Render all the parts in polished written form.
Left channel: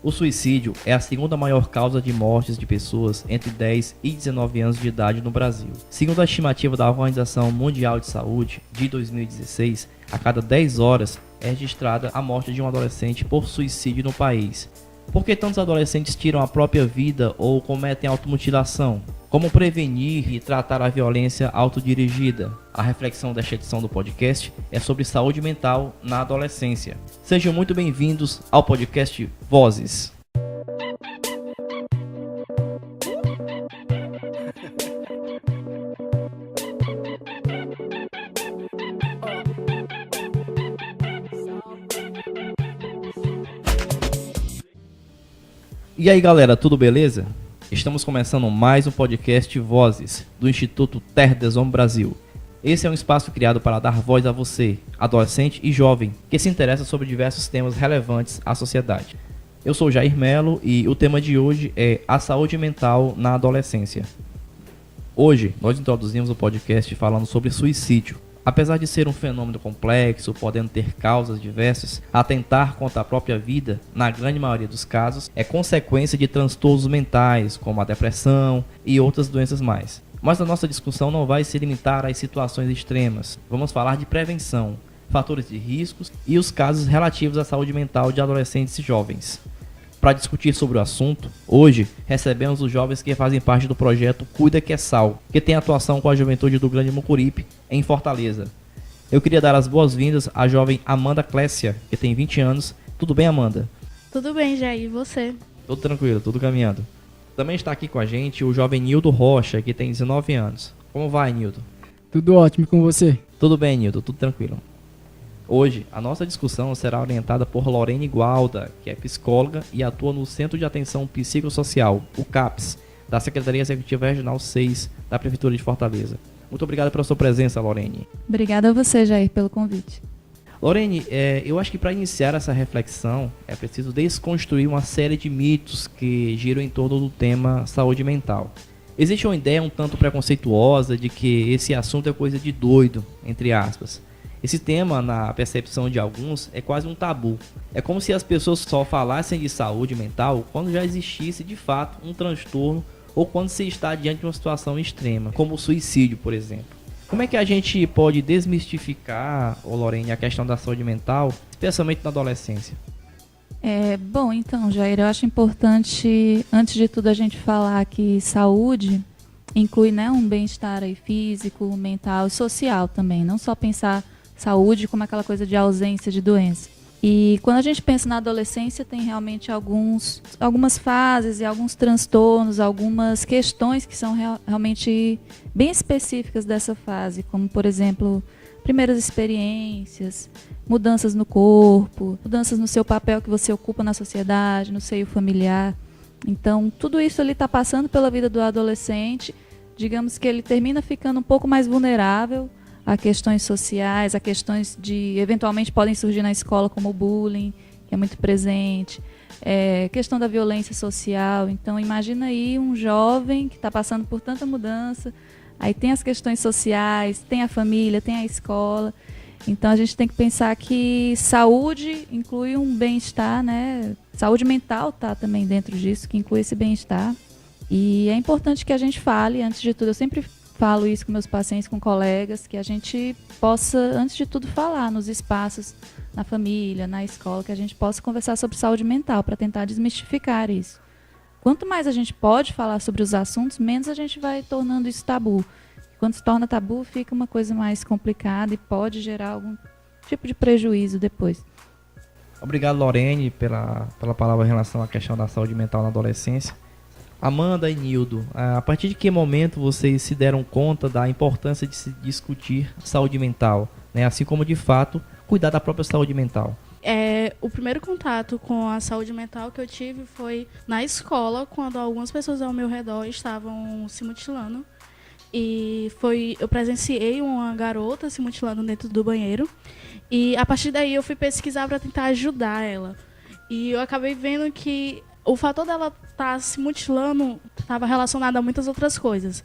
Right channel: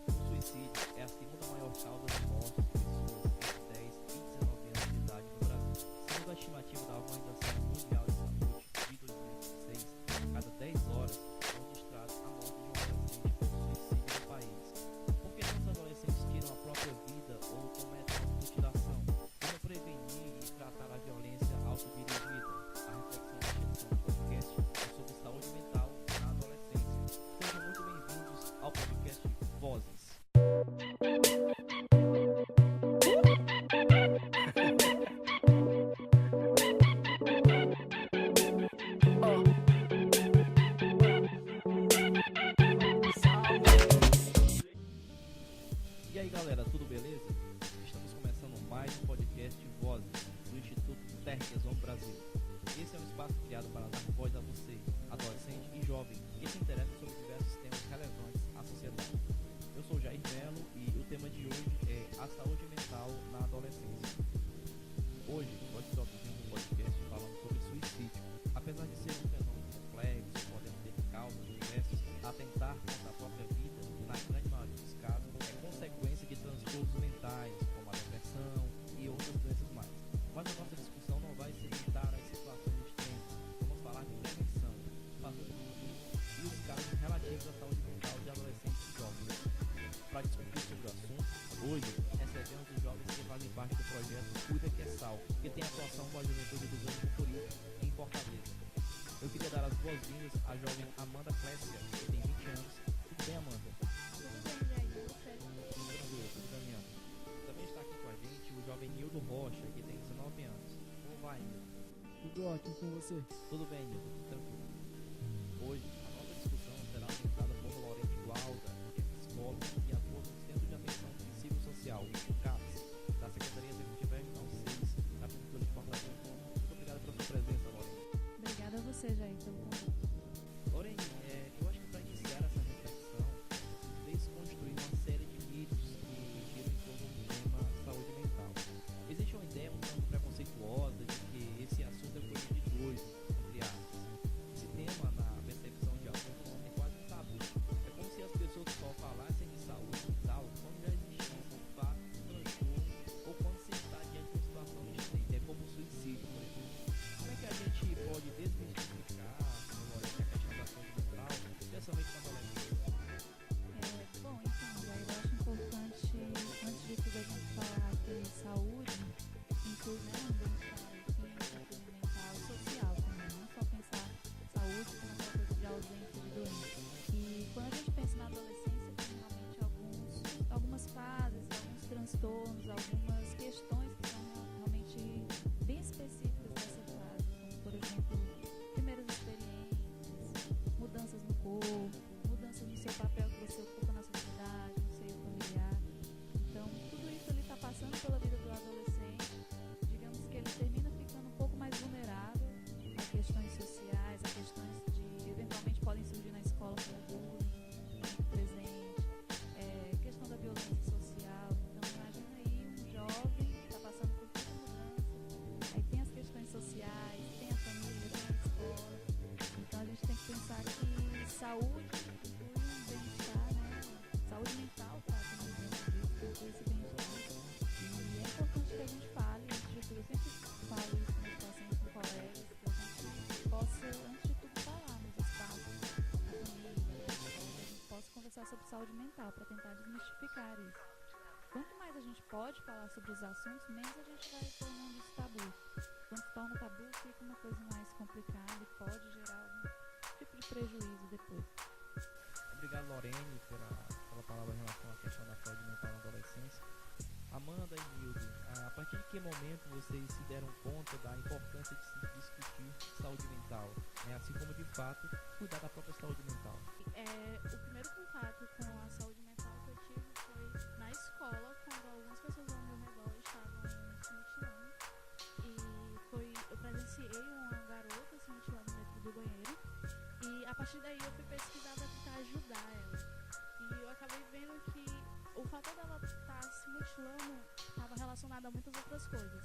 O suicídio é a segunda maior causa de mortes de pessoas entre 10 e 19 anos de idade no Brasil. Segundo a estimativa da Organização Mundial de Saúde, de 2016, a cada 10 horas é registrada a morte de um adolescente por suicídio no país. Por que tantos adolescentes tiram a própria vida ou cometem automutilação? Como prevenir e tratar a violência autodirigida? A reflexão desta edição do podcast é sobre saúde mental na adolescência. Sejam muito bem-vindos ao podcast Vozes. E aí galera, tudo beleza? Estamos começando mais um podcast Vozes, do Instituto Terra des Hommes Brasil. Esse é um espaço criado para dar voz a você, adolescente e jovem, que se interessa sobre diversos temas relevantes à sociedade. Eu sou Jair Melo e o tema de hoje é a saúde mental na adolescência. Hoje nós introduzimos o podcast falando sobre suicídio. Apesar de ser um fenômeno complexo, podendo ter causas diversas, atentar contra a própria vida, na grande maioria dos casos, é consequência de transtornos mentais, como a depressão e outras doenças mais. Mas a nossa discussão não vai se limitar às situações extremas. Vamos falar de prevenção, fatores de riscos e os casos relativos à saúde mental de adolescentes e jovens. Para discutir sobre o assunto, hoje recebemos os jovens que fazem parte do projeto Cuida que é Sal, que tem atuação com a juventude do Grande Mucuripe, em Fortaleza. Eu queria dar as boas-vindas à jovem Amanda Clécia, que tem 20 anos. Tudo bem, Amanda? Tudo bem, Jair, e você? Tudo tranquilo, tudo caminhando. Também está aqui com a gente o jovem Nildo Rocha, que tem 19 anos. Como vai, Nildo? Tudo ótimo com você? Tudo bem, Nildo, tudo tranquilo. Hoje, a nossa discussão será orientada por Lorene Gualda, que é psicóloga e atua no Centro de Atenção Psicossocial, o CAPS, da Secretaria Executiva Regional 6 da Prefeitura de Fortaleza. Muito obrigado pela sua presença, Lorene. Obrigada a você, Jair, pelo convite. Lorene, eu acho que para iniciar essa reflexão é preciso desconstruir uma série de mitos que giram em torno do tema saúde mental. Existe uma ideia um tanto preconceituosa de que esse assunto é coisa de doido, entre aspas. Esse tema, na percepção de alguns, é quase um tabu. É como se as pessoas só falassem de saúde mental quando já existisse, de fato, um transtorno ou quando se está diante de uma situação extrema, como o suicídio, por exemplo. Como é que a gente pode desmistificar, Lorene, a questão da saúde mental, especialmente na adolescência? Bom, então, Jair, eu acho importante, antes de tudo, a gente falar que saúde inclui, né, um bem-estar aí físico, mental e social também, não só pensar saúde como aquela coisa de ausência de doença. E quando a gente pensa na adolescência, tem realmente algumas fases e alguns transtornos, algumas questões que são realmente bem específicas dessa fase, como, por exemplo, primeiras experiências, mudanças no corpo, mudanças no seu papel que você ocupa na sociedade, no seio familiar. Então, tudo isso ele está passando pela vida do adolescente. Digamos que ele termina ficando um pouco mais vulnerável a questões sociais, a questões de, eventualmente, podem surgir na escola, como o bullying, que é muito presente, questão da violência social. Então, imagina aí um jovem que está passando por tanta mudança, aí tem as questões sociais, tem a família, tem a escola. Então, a gente tem que pensar que saúde inclui um bem-estar, né? Saúde mental está também dentro disso, que inclui esse bem-estar. E é importante que a gente fale, antes de tudo, eu sempre falo isso com meus pacientes, com colegas, que a gente possa, antes de tudo, falar nos espaços, na família, na escola, que a gente possa conversar sobre saúde mental, para tentar desmistificar isso. Quanto mais a gente pode falar sobre os assuntos, menos a gente vai tornando isso tabu. Quando se torna tabu, fica uma coisa mais complicada e pode gerar algum tipo de prejuízo depois. Obrigado, Lorene, pela palavra em relação à questão da saúde mental na adolescência. Amanda e Nildo, a partir de que momento vocês se deram conta da importância de se discutir saúde mental, né? Assim como, de fato, cuidar da própria saúde mental? O primeiro contato com a saúde mental que eu tive foi na escola, quando algumas pessoas ao meu redor estavam se mutilando. E eu presenciei uma garota se mutilando dentro do banheiro. E a partir daí eu fui pesquisar para tentar ajudar ela. E eu acabei vendo que o fator dela estar se mutilando estava relacionado a muitas outras coisas.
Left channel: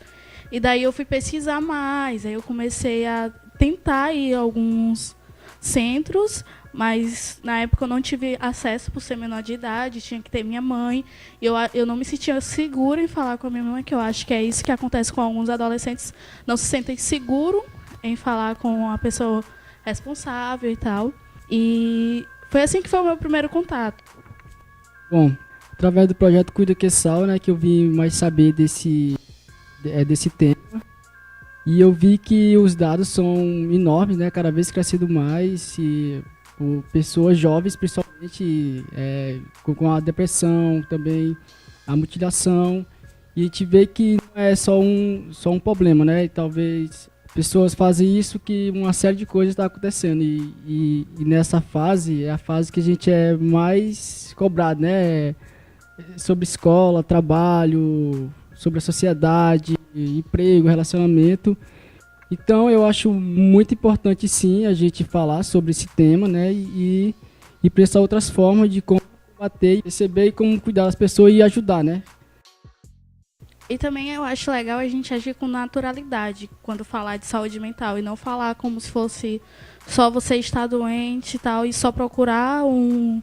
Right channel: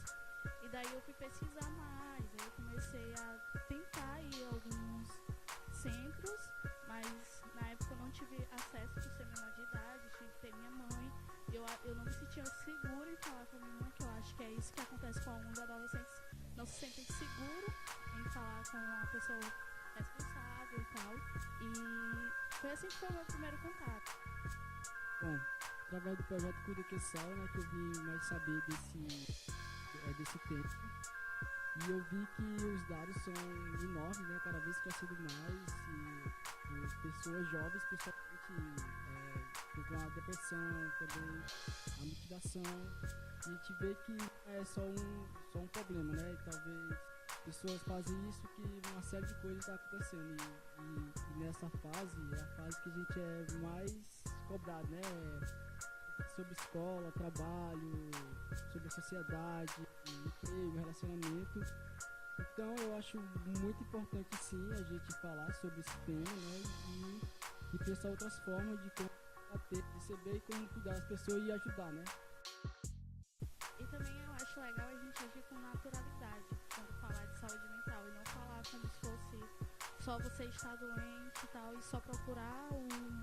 E daí eu fui pesquisar mais, aí eu comecei a tentar ir a alguns centros mas na época eu não tive acesso por ser menor de idade, tinha que ter minha mãe. E eu não me sentia segura em falar com a minha mãe, que eu acho que é isso que acontece com alguns adolescentes, não se sentem seguros em falar com a pessoa responsável e tal. E foi assim que foi o meu primeiro contato. Bom, através do projeto Cuida Que Sal, né, que eu vim mais saber desse tema. E eu vi que os dados são enormes, né, cada vez crescendo mais, e por pessoas jovens, principalmente com a depressão, também a mutilação. E a gente vê que não é só um problema, né, e talvez pessoas fazem isso que uma série de coisas está acontecendo. E nessa fase, é a fase que a gente é mais cobrado, né, sobre escola, trabalho, sobre a sociedade, emprego, relacionamento. Então eu acho muito importante sim a gente falar sobre esse tema, né, e pensar outras formas de como combater, perceber e como cuidar das pessoas e ajudar, né. E também eu acho legal a gente agir com naturalidade quando falar de saúde mental e não falar como se fosse só você estar doente e tal, e só procurar um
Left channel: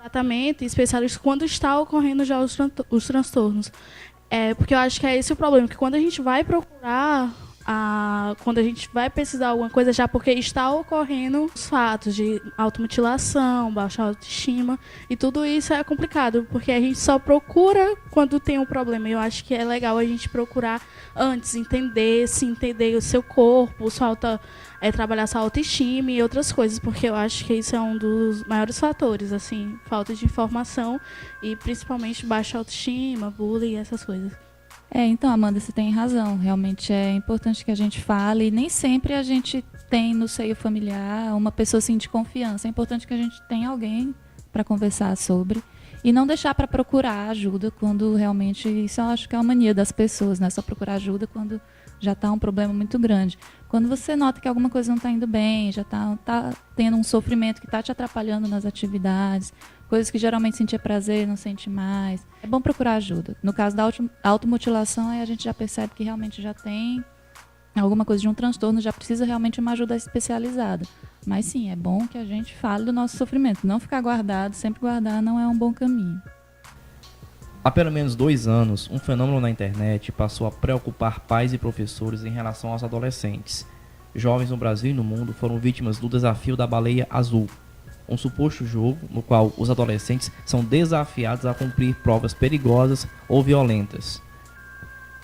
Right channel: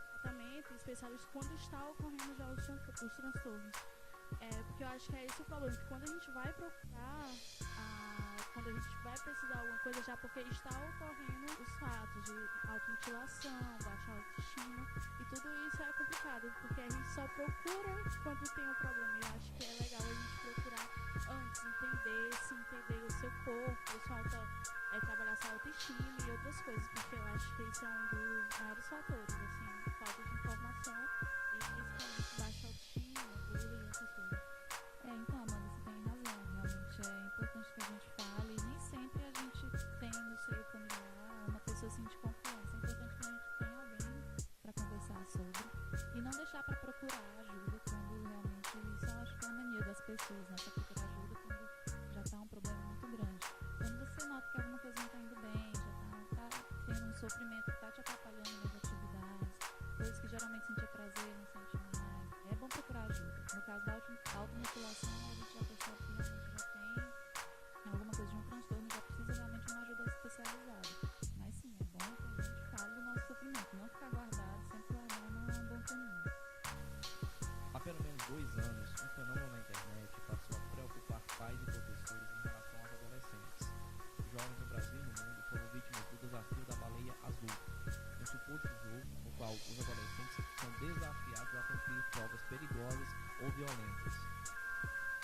tratamento especialista quando está ocorrendo já os transtornos. Porque eu acho que é esse o problema, que quando a gente vai procurar, quando a gente vai precisar de alguma coisa, já porque está ocorrendo os fatos de automutilação, baixa autoestima, e tudo isso é complicado, porque a gente só procura quando tem um problema. Eu acho que é legal a gente procurar antes, entender o seu corpo, trabalhar sua autoestima e outras coisas, porque eu acho que isso é um dos maiores fatores, assim, falta de informação e principalmente baixa autoestima, bullying e essas coisas. Então, Amanda, você tem razão. Realmente é importante que a gente fale. E nem sempre a gente tem no seio familiar uma pessoa assim, de confiança. É importante que a gente tenha alguém para conversar sobre. E não deixar para procurar ajuda quando realmente... Isso eu acho que é uma mania das pessoas, né? Só procurar ajuda quando já está um problema muito grande. Quando você nota que alguma coisa não está indo bem, já está tendo um sofrimento que está te atrapalhando nas atividades, coisas que geralmente sentia prazer, não sente mais, é bom procurar ajuda. No caso da automutilação, aí a gente já percebe que realmente já tem alguma coisa de um transtorno, já precisa realmente uma ajuda especializada. Mas sim, é bom que a gente fale do nosso sofrimento. Não ficar guardado, sempre guardar não é um bom caminho. Há pelo menos 2 anos, um fenômeno na internet passou a preocupar pais e professores em relação aos adolescentes. Jovens no Brasil e no mundo foram vítimas do desafio da baleia azul, um suposto jogo no qual os adolescentes são desafiados a cumprir provas perigosas ou violentas.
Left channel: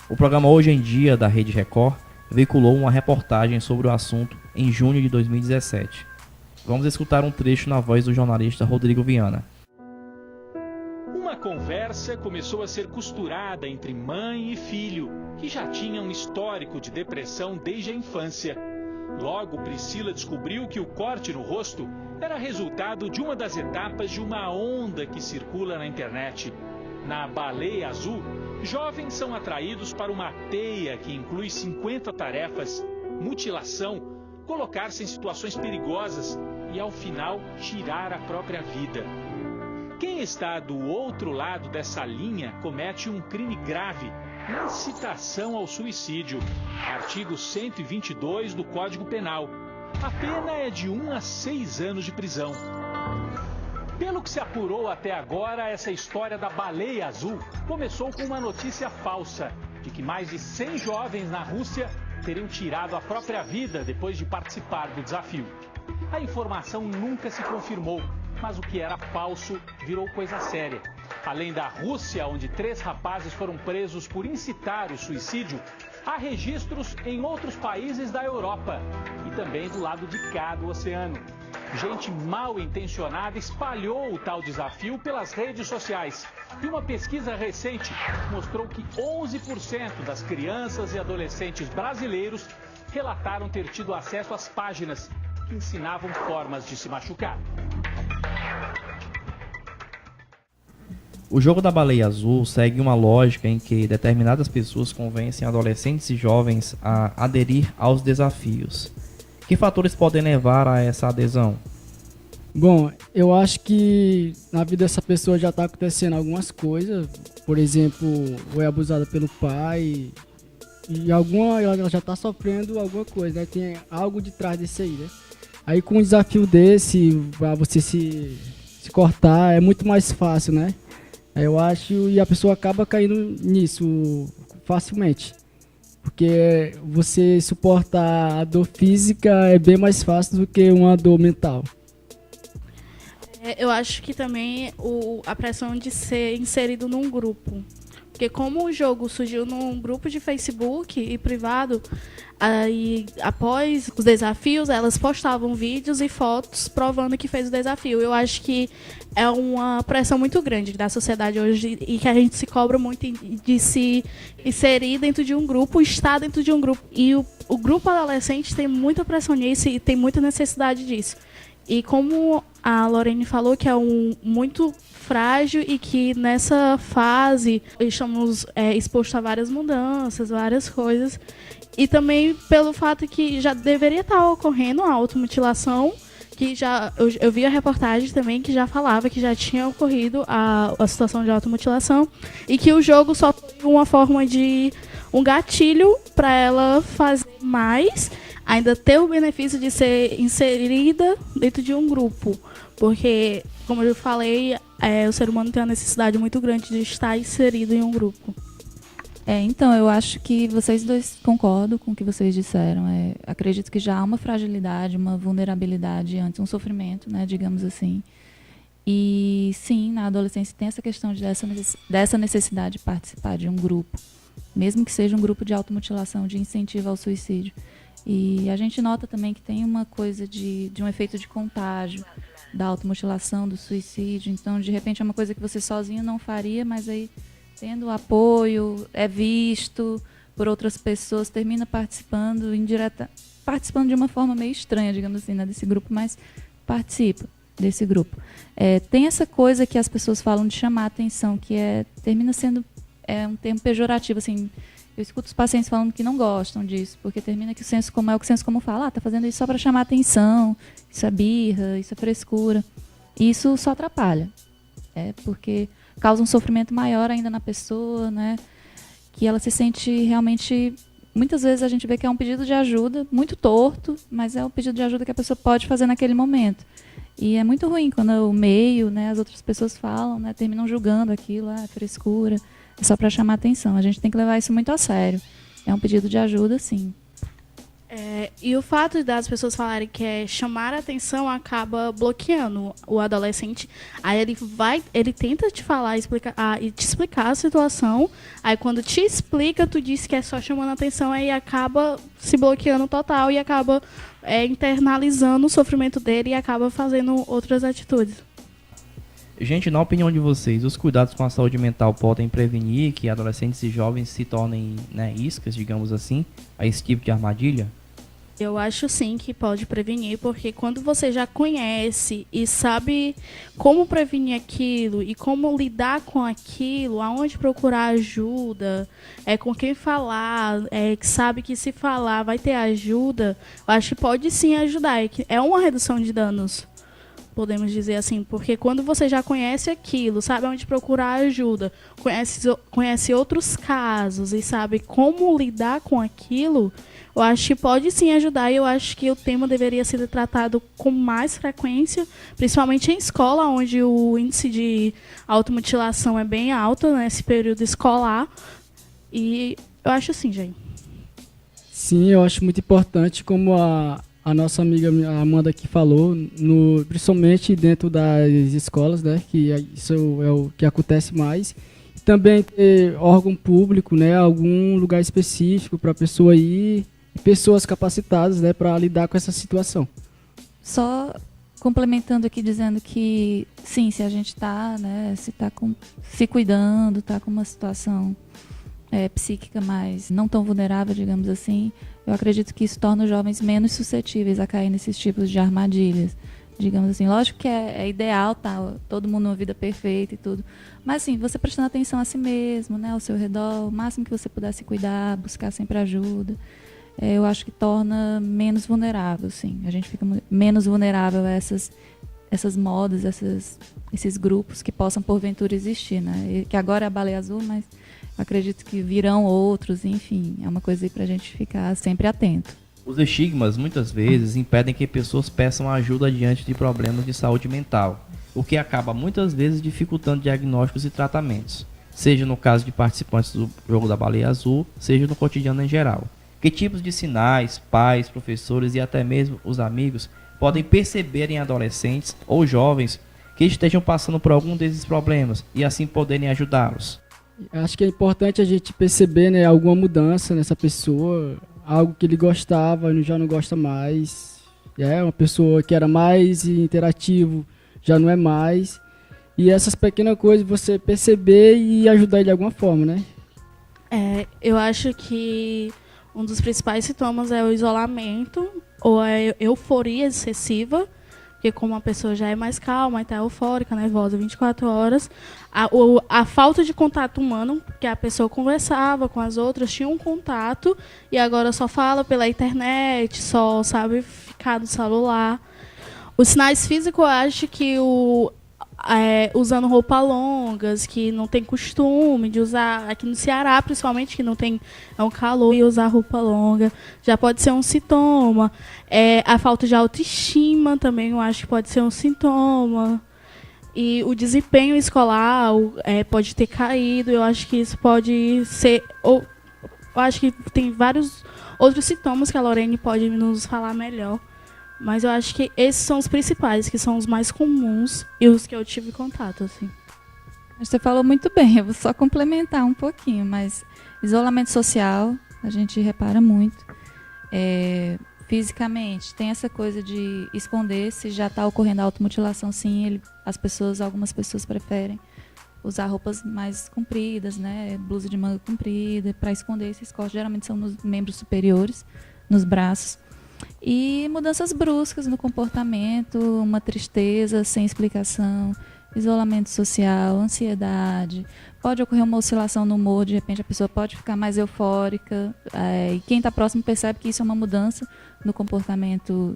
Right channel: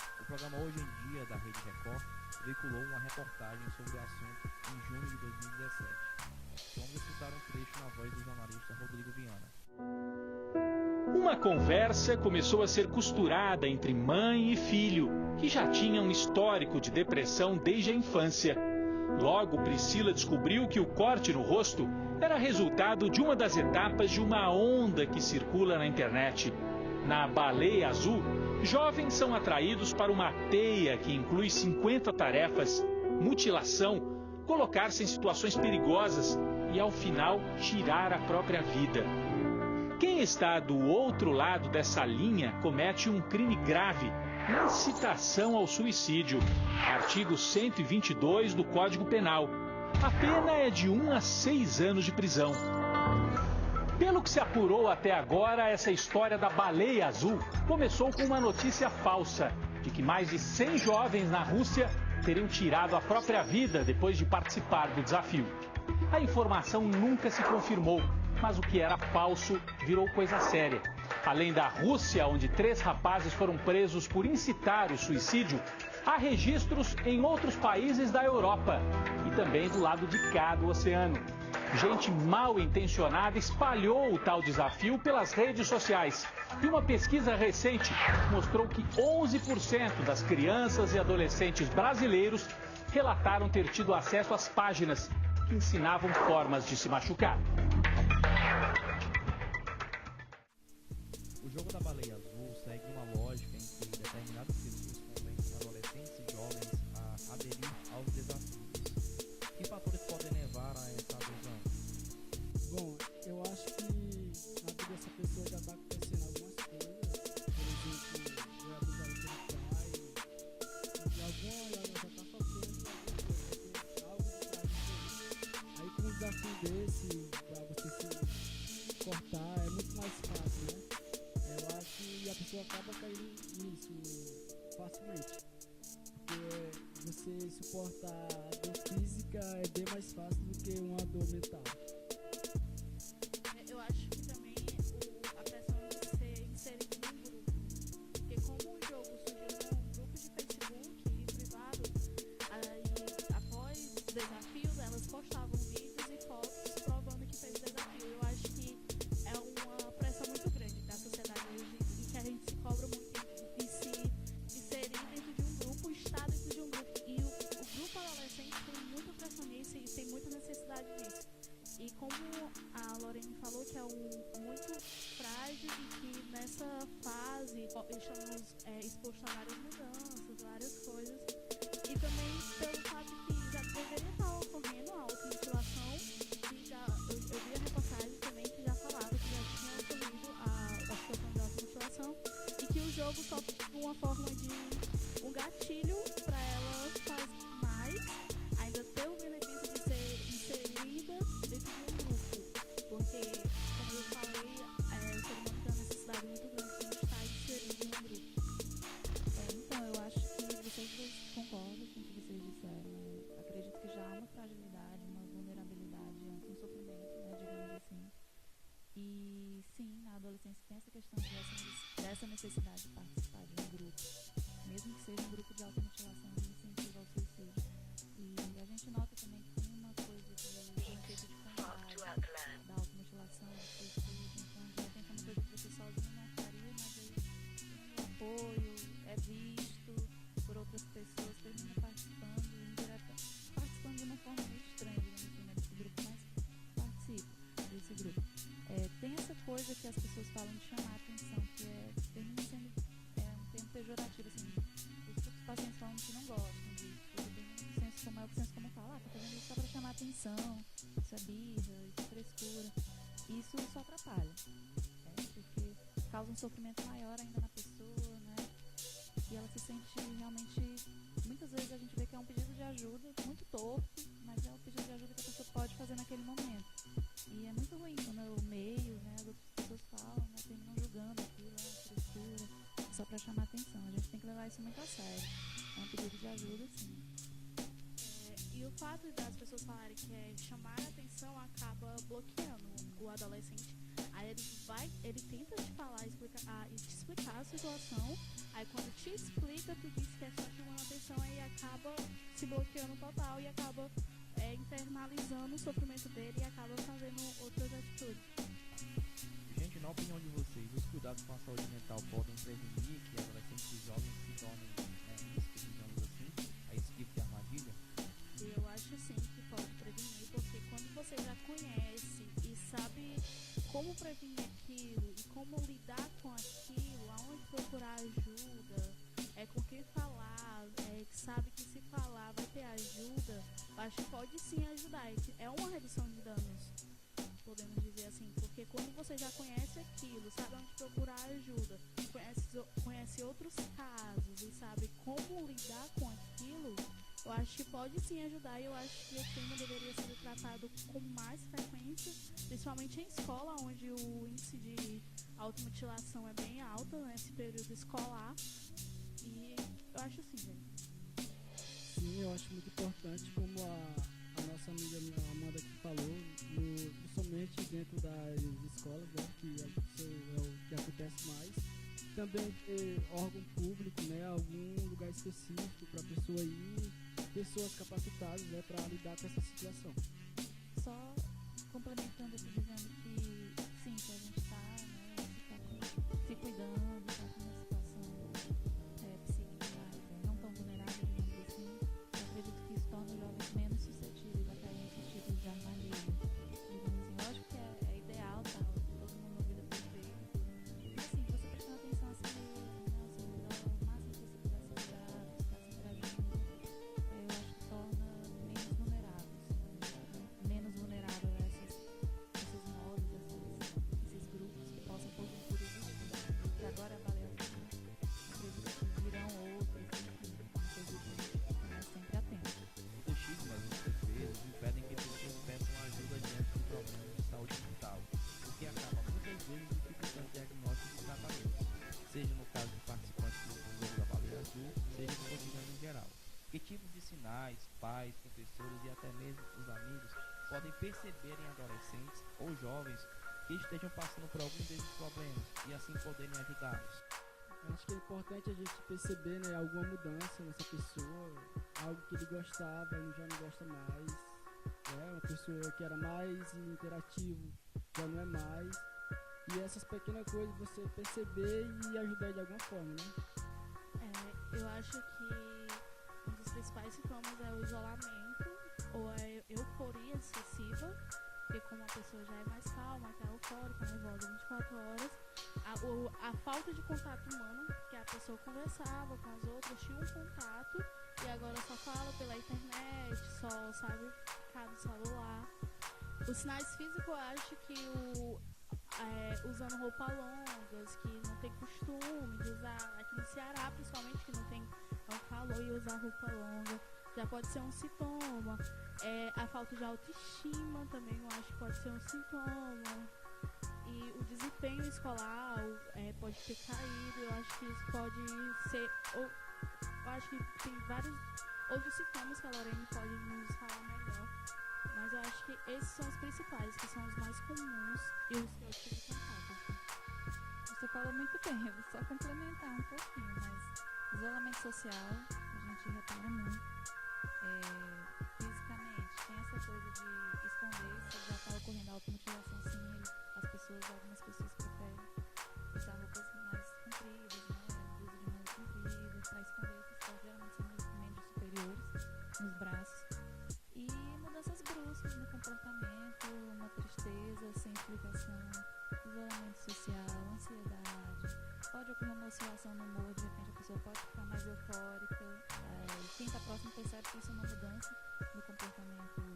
O programa Hoje em Dia da Rede Record veiculou uma reportagem sobre o assunto em junho de 2017. Vamos escutar um trecho na voz do jornalista Rodrigo Viana. Uma conversa começou a ser costurada entre mãe e filho, que já tinham um histórico de depressão desde a infância. Logo, Priscila descobriu que o corte no rosto era resultado de uma das etapas de uma onda que circula na internet. Na baleia azul, jovens são atraídos para uma teia que inclui 50 tarefas, mutilação, colocar-se em situações perigosas e, ao final, tirar a própria vida. Quem está do outro lado dessa linha comete um crime grave, incitação ao suicídio, artigo 122 do Código Penal. A pena é de 1 a 6 anos de prisão. Pelo que se apurou até agora, essa história da baleia azul começou com uma notícia falsa, de que mais de 100 jovens na Rússia teriam tirado a própria vida depois de participar do desafio. A informação nunca se confirmou, mas o que era falso virou coisa séria. Além da Rússia, onde 3 rapazes foram presos por incitar o suicídio, há registros em outros países da Europa e também do lado de cá do oceano. Gente mal intencionada espalhou o tal desafio pelas redes sociais. E uma pesquisa recente mostrou que 11% das crianças e adolescentes brasileiros relataram ter tido acesso às páginas que ensinavam formas de se machucar. O jogo da baleia azul segue uma lógica em que determinadas pessoas convencem adolescentes e jovens a aderir aos desafios. Que fatores podem levar a essa adesão? Bom, eu acho que na vida dessa pessoa já está acontecendo algumas coisas. Por exemplo, foi abusada pelo pai e ela já está sofrendo alguma coisa, né? Tem algo de trás disso aí, né? Aí com um desafio desse, pra você se cortar, é muito mais fácil, né? Eu acho, e a pessoa acaba caindo nisso facilmente. Porque você suportar a dor física é bem mais fácil do que uma dor mental. Eu acho que também a pressão de ser inserido num grupo. Porque como o jogo surgiu num grupo de Facebook e privado, aí após os desafios, elas postavam vídeos e fotos provando que fez o desafio. Eu acho que é uma pressão muito grande da sociedade hoje e que a gente se cobra muito de se inserir dentro de um grupo, estar dentro de um grupo. E o grupo adolescente tem muita pressão nisso e tem muita necessidade disso. E como a Lorene falou, que é muito frágil e que nessa fase estamos expostos a várias mudanças, várias coisas. E também pelo fato que já deveria estar ocorrendo a automutilação, que eu vi a reportagem também que já falava que já tinha ocorrido a situação de automutilação e que o jogo só tem uma forma de um gatilho para ela fazer mais, ainda ter o benefício de ser inserida dentro de um grupo. Porque, como eu falei, o ser humano tem uma necessidade muito grande de estar inserido em um grupo. Então, eu acho que vocês dois concordam com o que vocês disseram. Acredito que já há uma fragilidade, uma vulnerabilidade antes, um sofrimento, né, digamos assim. E, sim, na adolescência tem essa questão dessa necessidade de participar de um grupo, mesmo que seja um grupo de automutilação, de incentivo ao suicídio. E a gente nota também que tem uma coisa de um efeito de contágio da automutilação, do suicídio. Então, de repente, é uma coisa que você sozinho não faria, mas aí, tendo apoio, é visto por outras pessoas, termina participando participando de uma forma meio estranha, digamos assim, né, desse grupo, mas participa desse grupo. Tem essa coisa que as pessoas falam de chamar a atenção, que termina sendo um termo pejorativo, assim. Eu escuto os pacientes falando que não gostam disso, porque termina que o senso comum fala, tá fazendo isso só para chamar atenção, isso é birra, isso é frescura. E isso só atrapalha, porque causa um sofrimento maior ainda na pessoa, né? Que ela se sente realmente... Muitas vezes a gente vê que é um pedido de ajuda, muito torto, mas é um pedido de ajuda que a pessoa pode fazer naquele momento. E é muito ruim quando o meio, né, as outras pessoas falam, né, terminam julgando aquilo, frescura, é só para chamar atenção. A gente tem que levar isso muito a sério. É um pedido de ajuda, sim. E o fato das pessoas falarem que chamar a atenção acaba bloqueando o adolescente. Aí ele tenta te falar e te explicar a situação. Aí quando te explica, tu diz que é só chamando a atenção, aí acaba se bloqueando total e acaba internalizando o sofrimento dele e acaba fazendo outras atitudes. Gente, na opinião de vocês, os cuidados com a saúde mental podem prevenir que adolescentes e jovens se tornem, né, iscas, digamos assim, a esse tipo de armadilha? Eu acho sim que pode prevenir, porque quando você já conhece e sabe como prevenir aquilo e como lidar com aquilo, aonde procurar ajuda, com quem falar, que sabe que se falar vai ter ajuda, eu acho que pode sim ajudar. É uma redução de danos, podemos dizer assim, porque quando você já conhece aquilo, sabe onde procurar ajuda, conhece outros casos e sabe como lidar com aquilo, eu acho que pode sim ajudar e eu acho que o tema deveria ser tratado com mais frequência, principalmente em escola, onde o índice de automutilação é bem alto nesse período escolar. E eu acho assim, gente. Sim, eu acho muito importante, como a nossa amiga Amanda aqui falou, principalmente dentro das escolas, né, que isso é o que acontece mais. Também ter órgão público, né, algum lugar específico para a pessoa ir, pessoas capacitadas, né, para lidar com essa situação. Só complementando aqui, dizendo que, sim, se a gente está, né, se cuidando, está com uma situação psíquica mais não tão vulnerável, digamos assim, eu acredito que isso torna os jovens menos suscetíveis a cair nesses tipos de armadilhas, digamos assim. Lógico que é ideal, tá, todo mundo numa vida perfeita e tudo, mas assim, você prestando atenção a si mesmo, né, ao seu redor, o máximo que você puder se cuidar, buscar sempre ajuda, eu acho que torna menos vulnerável, sim. A gente fica menos vulnerável a essas modas, esses grupos que possam porventura existir, né? E que agora é a Baleia Azul, mas acredito que virão outros, enfim, é uma coisa aí pra gente ficar sempre atento. Os estigmas, muitas vezes, impedem que pessoas peçam ajuda diante de problemas de saúde mental, o que acaba muitas vezes dificultando diagnósticos e tratamentos, seja no caso de participantes do jogo da baleia azul, seja no cotidiano em geral. Que tipos de sinais pais, professores e até mesmo os amigos podem perceber em adolescentes ou jovens que estejam passando por algum desses problemas e assim poderem ajudá-los? Acho que é importante a gente perceber, né, alguma mudança nessa pessoa, algo que ele gostava e já não gosta mais. É uma pessoa que era mais interativo, já não é mais. E essas pequenas coisas você perceber e ajudar ele de alguma forma, né? Eu acho que um dos principais sintomas é o isolamento ou a euforia excessiva, porque como a pessoa já é mais calma, está eufórica, nervosa 24 horas, a falta de contato humano, porque a pessoa conversava com as outras, tinha um contato, e agora só fala pela internet, só sabe ficar no celular. Os sinais físicos, eu acho que usando roupas longas, que não tem costume de usar, aqui no Ceará principalmente, que não tem um calor, e usar roupa longa, já pode ser um sintoma. A falta de autoestima também, eu acho que pode ser um sintoma. E o desempenho escolar pode ter caído, eu acho que isso pode ser... eu acho que tem vários outros sintomas que a Lorene pode nos falar melhor. Mas eu acho que esses são os principais, que são os mais comuns e os que eu tive contato, assim. Você falou muito bem, eu vou só complementar um pouquinho, mas isolamento social, a gente repara muito. Fisicamente, tem essa coisa de esconder, se já está ocorrendo a automutilação, sim, algumas pessoas preferem usar roupas mais compridas, né, blusa de manga comprida, para esconder esses cortes, geralmente são nos membros superiores, nos braços. E mudanças bruscas no comportamento, uma tristeza sem explicação, isolamento social, ansiedade. Pode ocorrer uma oscilação no humor, de repente a pessoa pode ficar mais eufórica. E quem está próximo percebe que isso é uma mudança no comportamento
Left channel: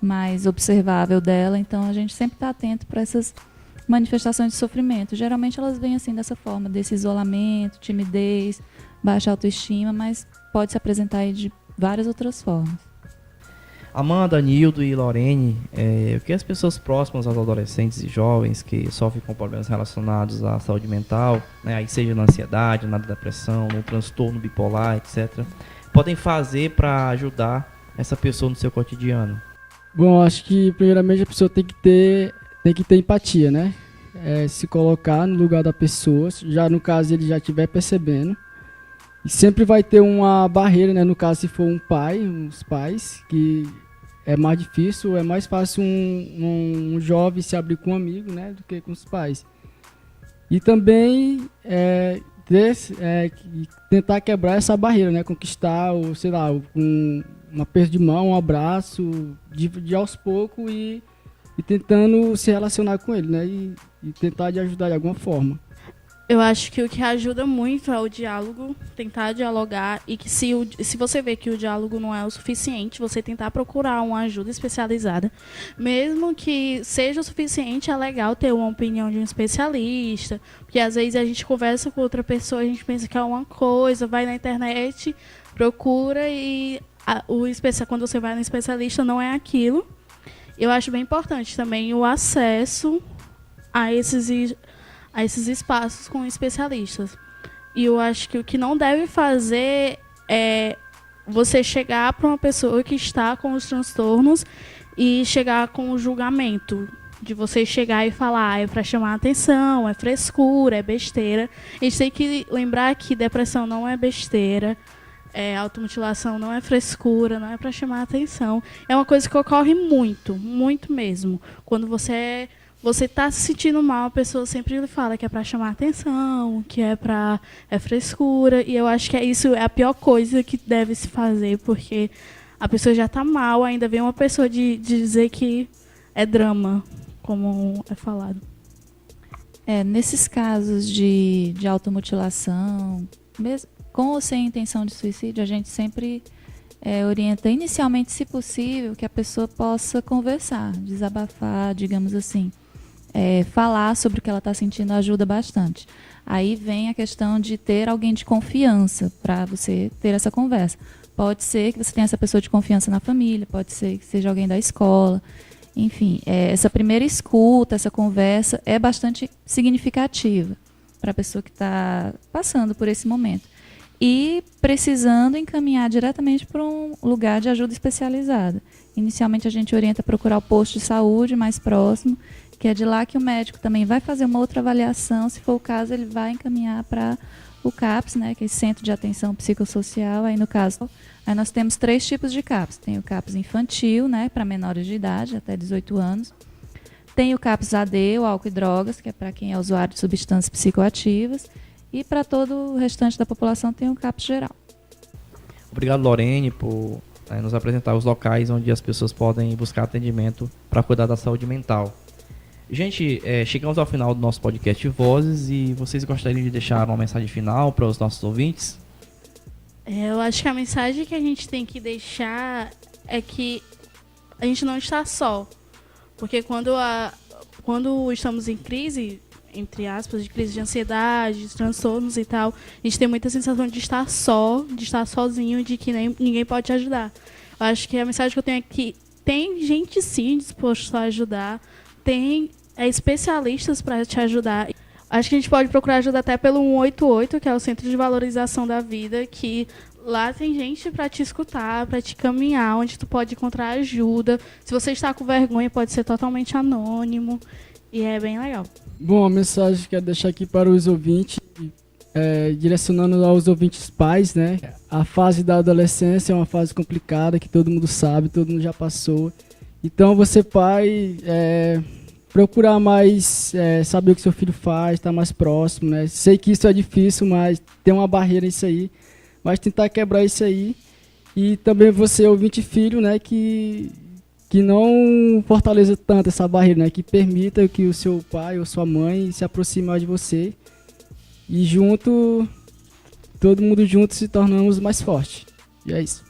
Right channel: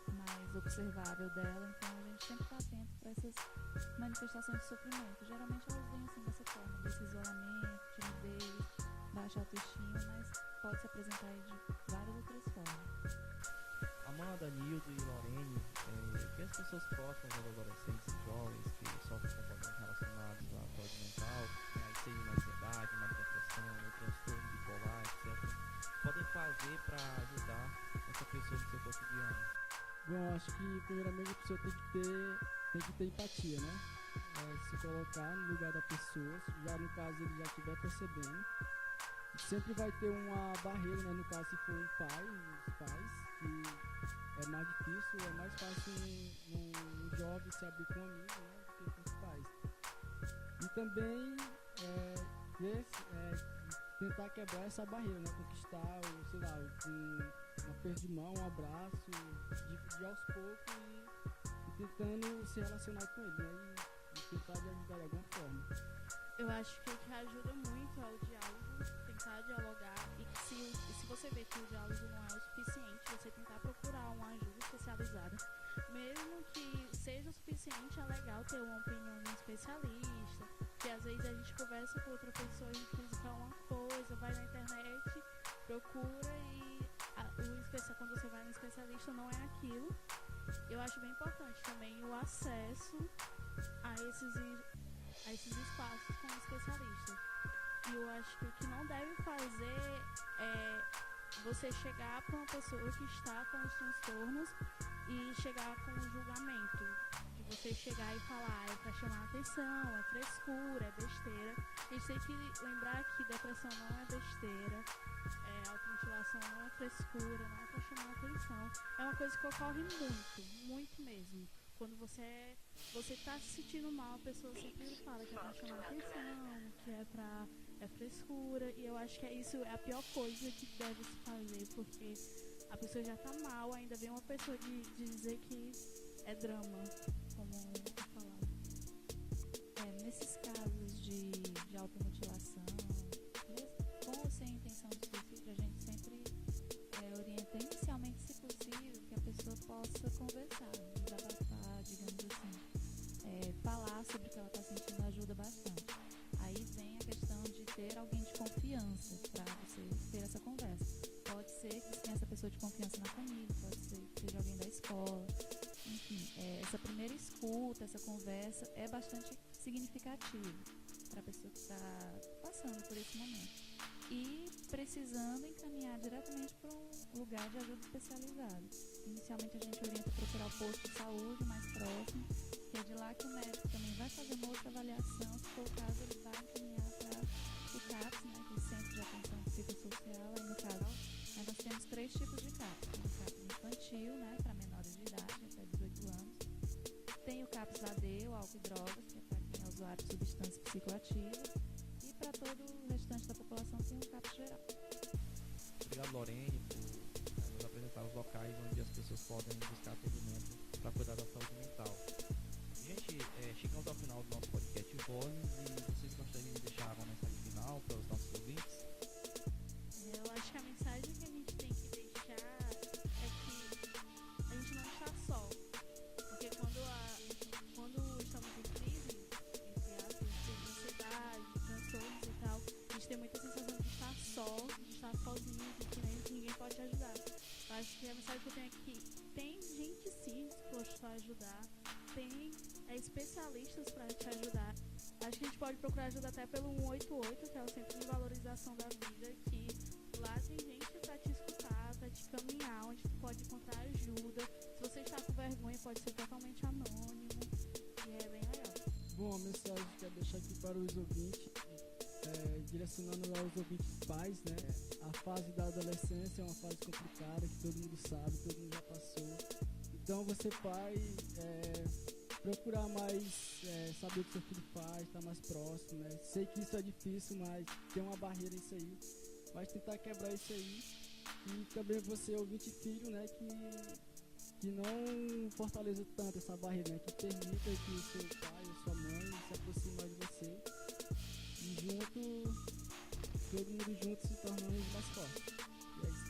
mais observável dela. Então a gente sempre está atento para essas manifestações de sofrimento. Geralmente elas vêm assim dessa forma, desse isolamento, timidez, baixa autoestima, mas pode se apresentar aí de várias outras formas. Amanda, Nildo e Lorene, o que as pessoas próximas aos adolescentes e jovens que sofrem com problemas relacionados à saúde mental, né, aí seja na ansiedade, na depressão, no transtorno bipolar, etc., podem fazer para ajudar essa pessoa no seu cotidiano? Bom, acho que primeiramente a pessoa tem que ter empatia, né? Se colocar no lugar da pessoa, já no caso ele já estiver percebendo. E sempre vai ter uma barreira, né? No caso, se for uns pais, que é mais difícil, é mais fácil um jovem se abrir com um amigo, né? Do que com os pais. E também tentar quebrar essa barreira, né? Conquistar, sei lá, um aperto de mão, um abraço, de aos poucos e tentando se relacionar com ele, né? E tentar de ajudar de alguma forma. Eu acho que o que ajuda muito é o diálogo, tentar dialogar, e que se você vê que o diálogo não é o suficiente, você tentar procurar uma ajuda especializada. Mesmo que seja o suficiente, é legal ter uma opinião de um especialista, porque às vezes a gente conversa com outra pessoa, a gente pensa que é uma coisa, vai na internet, procura e quando você vai no especialista não é aquilo. Eu acho bem importante também o acesso a esses espaços com especialistas. E eu acho que o que não deve fazer é você chegar para uma pessoa que está com os transtornos e chegar com o julgamento. De você chegar e falar, é para chamar a atenção, é frescura, é besteira. A gente tem que lembrar que depressão não é besteira, automutilação não é frescura, não é para chamar a atenção. É uma coisa que ocorre muito, muito mesmo. Quando você está se sentindo mal, a pessoa sempre lhe fala que é para chamar atenção, que é frescura. E eu acho que isso é a pior coisa que deve se fazer, porque a pessoa já está mal, ainda vem uma pessoa de dizer que é drama, como é falado. Nesses casos de automutilação, mesmo com ou sem intenção de suicídio, a gente sempre orienta inicialmente, se possível, que a pessoa possa conversar, desabafar, digamos assim. falar sobre o que ela está sentindo ajuda bastante. Aí vem a questão de ter alguém de confiança para você ter essa conversa. Pode ser que você tenha essa pessoa de confiança na família, pode ser que seja alguém da escola. Enfim, essa primeira escuta, essa conversa é bastante significativa para a pessoa que está passando por esse momento. E precisando encaminhar diretamente para um lugar de ajuda especializada. Inicialmente a gente orienta a procurar o posto de saúde mais próximo, que é de lá que o médico também vai fazer uma outra avaliação. Se for o caso, ele vai encaminhar para o CAPS, né, que é Centro de Atenção Psicossocial. Aí, no caso, aí nós temos 3 tipos de CAPS. Tem o CAPS infantil, né, para menores de idade, até 18 anos. Tem o CAPS AD, o álcool e drogas, que é para quem é usuário de substâncias psicoativas. E para todo o restante da população tem o CAPS geral. Obrigado, Lorene, por nos apresentar os locais onde as pessoas podem buscar atendimento para cuidar da saúde mental. Gente, chegamos ao final do nosso podcast Vozes e vocês gostariam de deixar uma mensagem final para os nossos ouvintes? Eu acho que a mensagem que a gente tem que deixar é que a gente não está só. Porque quando estamos em crise, entre aspas, de crise de ansiedade, de transtornos e tal, a gente tem muita sensação de estar só, de estar sozinho, de que ninguém pode te ajudar. Eu acho que a mensagem que eu tenho é que tem gente sim disposta a ajudar, tem especialistas para te ajudar. Acho que a gente pode procurar ajuda até pelo 188, que é o Centro de Valorização da Vida, que lá tem gente para te escutar, para te caminhar, onde tu pode encontrar ajuda. Se você está com vergonha, pode ser totalmente anônimo. E é bem legal. Bom, a mensagem que eu quero deixar aqui para os ouvintes, direcionando aos ouvintes pais, né? A fase da adolescência é uma fase complicada, que todo mundo sabe, todo mundo já passou. Então, você pai, procurar mais saber o que seu filho faz, estar mais próximo, né? Sei que isso é difícil, mas tem uma barreira nisso aí. Mas tentar quebrar isso aí. E também você, ouvinte filho, né? Que não fortaleça tanto essa barreira, né? Que permita que o seu pai ou sua mãe se aproxime mais de você. E todo mundo junto se tornamos mais fortes. E é isso.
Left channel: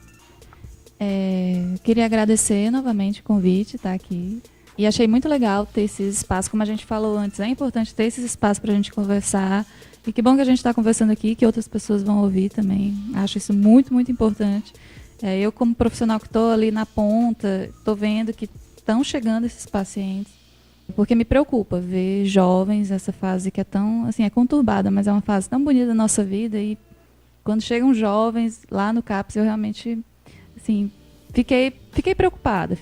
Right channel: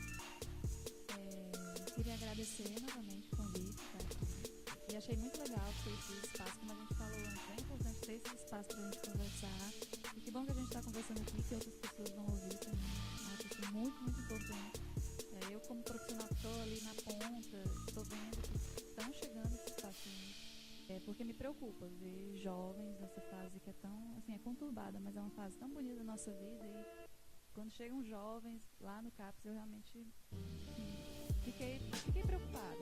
Queria agradecer novamente o convite, estar aqui. E achei muito legal ter esses espaços, como a gente falou antes, é importante ter esses espaços para a gente conversar. E que bom que a gente está conversando aqui, que outras pessoas vão ouvir também. Acho isso muito, muito importante. Eu, como profissional que estou ali na ponta, estou vendo que estão chegando esses pacientes, porque me preocupa ver jovens, essa fase que é tão, assim, é conturbada, mas é uma fase tão bonita da nossa vida. E quando chegam jovens lá no CAPS, eu realmente, assim, fiquei preocupada,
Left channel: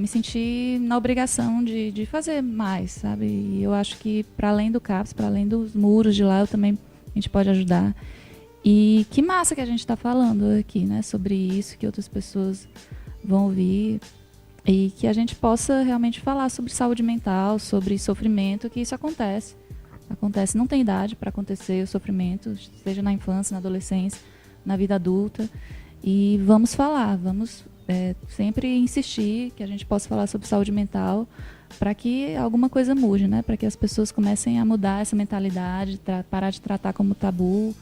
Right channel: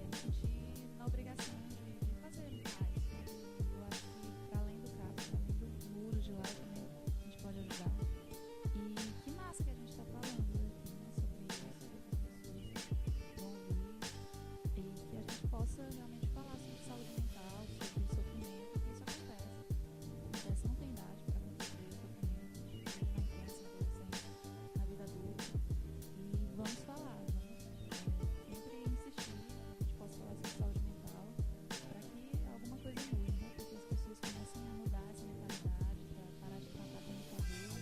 me senti na obrigação de fazer mais, sabe? E eu acho que, para além do CAPS, para além dos muros de lá, a gente pode ajudar. E que massa que a gente está falando aqui, né? Sobre isso, que outras pessoas vão ouvir. E que a gente possa realmente falar sobre saúde mental, sobre sofrimento, que isso acontece. Acontece, não tem idade para acontecer o sofrimento, seja na infância, na adolescência, na vida adulta. E vamos falar, vamos sempre insistir que a gente possa falar sobre saúde mental para que alguma coisa mude, né? Para que as pessoas comecem a mudar essa mentalidade, parar de tratar como tabu,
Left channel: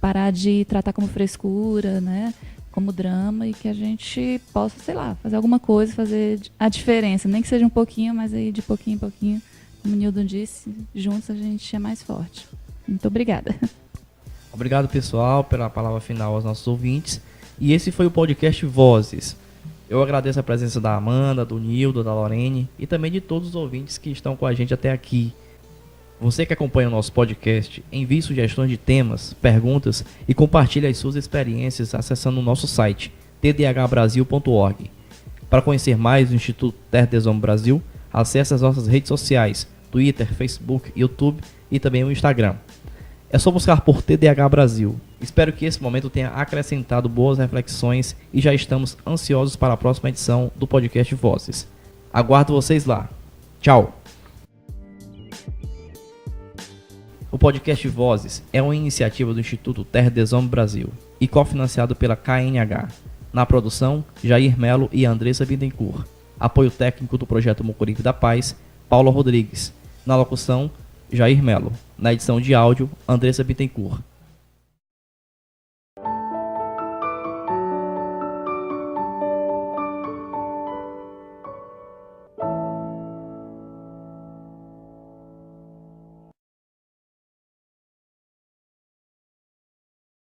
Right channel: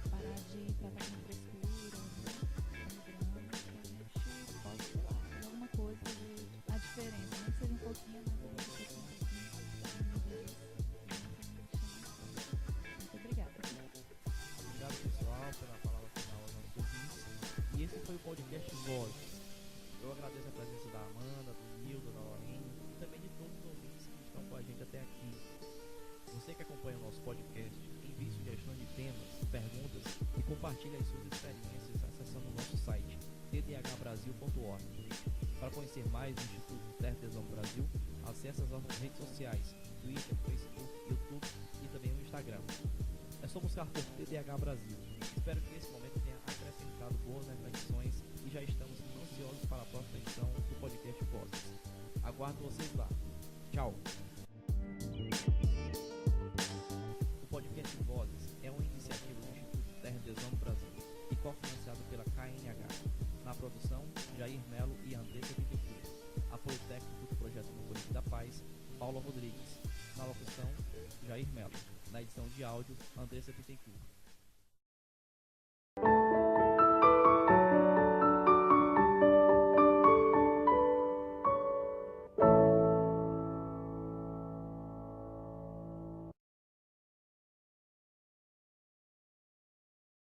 parar de tratar como frescura, né? Como drama, e que a gente possa, sei lá, fazer alguma coisa, fazer a diferença, nem que seja um pouquinho, mas aí de pouquinho em pouquinho, como o Nilton disse, juntos a gente é mais forte. Muito obrigada. Obrigado, pessoal, pela palavra final aos nossos ouvintes. E esse foi o podcast Vozes. Eu agradeço a presença da Amanda, do Nildo, da Lorene e também de todos os ouvintes que estão com a gente até aqui. Você que acompanha o nosso podcast, envie sugestões de temas, perguntas e compartilhe as suas experiências acessando o nosso site tdhbrasil.org. Para conhecer mais do Instituto Terra des Hommes Brasil, acesse as nossas redes sociais, Twitter, Facebook, YouTube e também o Instagram. É só buscar por TDH Brasil. Espero que esse momento tenha acrescentado boas reflexões e já estamos ansiosos para a próxima edição do podcast Vozes. Aguardo vocês lá. Tchau! O podcast Vozes é uma iniciativa do Instituto Terra des Hommes Brasil e cofinanciado pela KNH. Na produção, Jair Melo e Andressa Bittencourt. Apoio técnico do projeto Mucuripe da Paz, Paulo Rodrigues. Na locução, Jair Melo. Na edição de áudio, Andressa Bittencourt.